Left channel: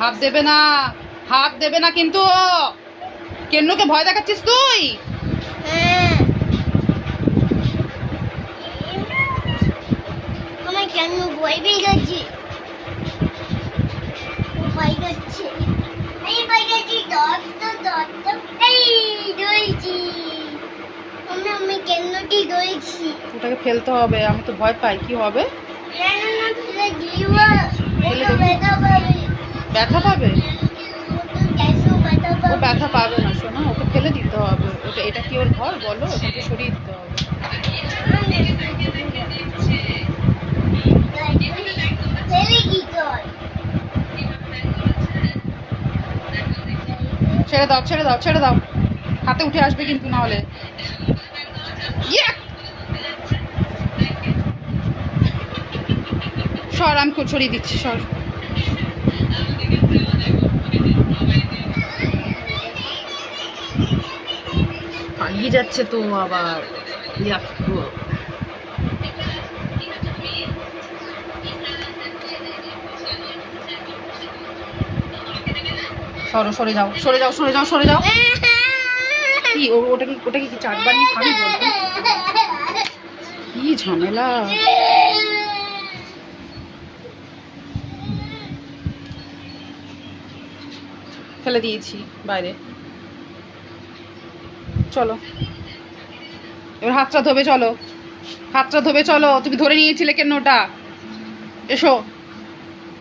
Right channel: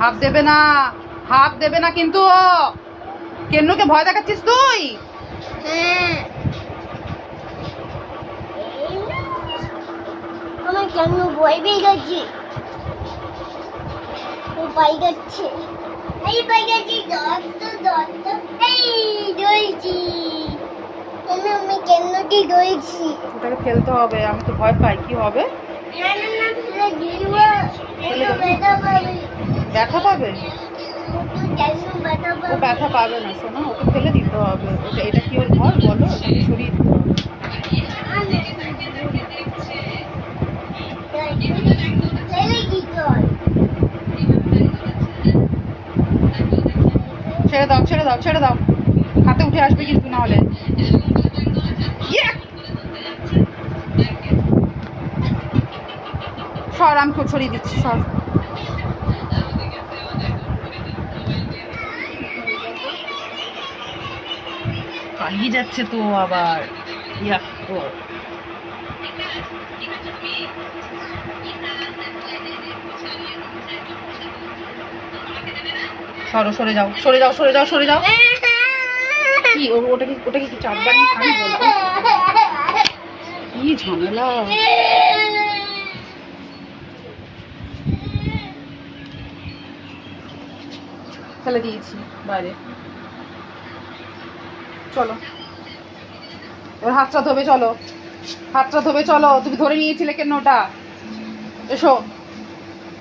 হাত দেবে না, হাত দেবে না কিন্তু। কেন্নুকে ভয় দেখাচ্ছিস তুই? হ্যাঁ, তোমার কেন ভয় পেয়ে গেছি? ও পাই যাচ্ছে, এই পাই গেছি, এই ধরেছি। আমি কেন্নটি ধরেছি। ওটাকে ফেলতে হবে, আমি তো ভয় পাই। কি হবে? না না না, ফেলে দিবা, ফেলে দেবো? ব্যথা পাবে। ব্যথা পাবে? ও তো কেন ব্যথা ও পাবে? ব্যথা পাবে না সোনা, ওকে ফেলে দিতে হবে। ওটা, এটা কি ওর ঘর বলো? ওটাকে সরিয়ে দিতে হবে। ফেলে দিতে হয়। ছেড়ে দাও, ছেড়ে দাও, ছেড়ে দাও। হাতে উঠে আসবে কিন্তু, না হলে। ইয়া! সর, আমি সরিয়ে দিচ্ছি, সর। পালিয়ে যাচ্ছে তো আবার। ইয়াক গো। সরো, সরে যাও, সরে যাও, সরে যাও, সরে যাও। কি ওটাকে কি চারবার নিয়ে খাবি বলতো? কি ঝামেলা। ফেলে দিয়েছি বাইরে। চলো এবার হাতটা ধোবে, চলো। হাতটা ধোবে, চলো। তুমি ধরে নিয়েছিলে কেন ওটা? এসো।